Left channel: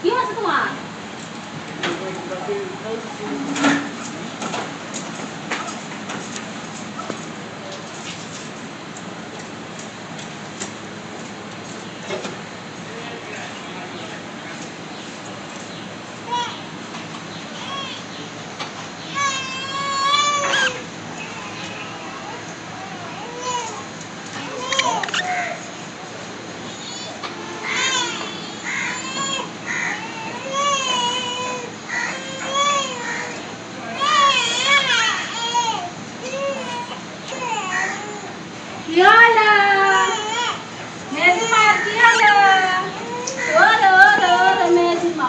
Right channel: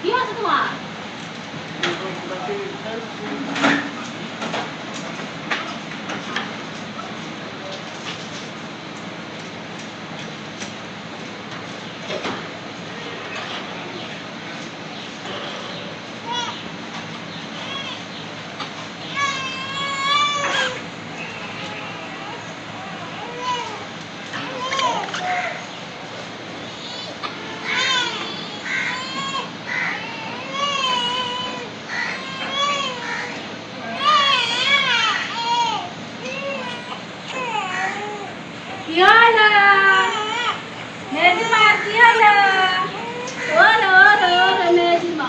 কি আছে তোমার? কি হলো? মেজিমা কি হলো? ওরে ওরে ওরে মেজিমা,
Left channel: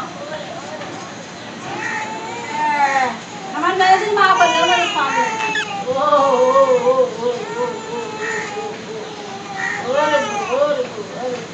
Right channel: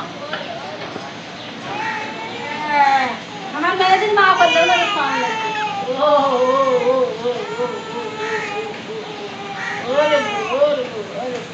আমার মেজিমা বললো বলে সামনে ও ও ও ও ও ও ওরে ওরে ওরে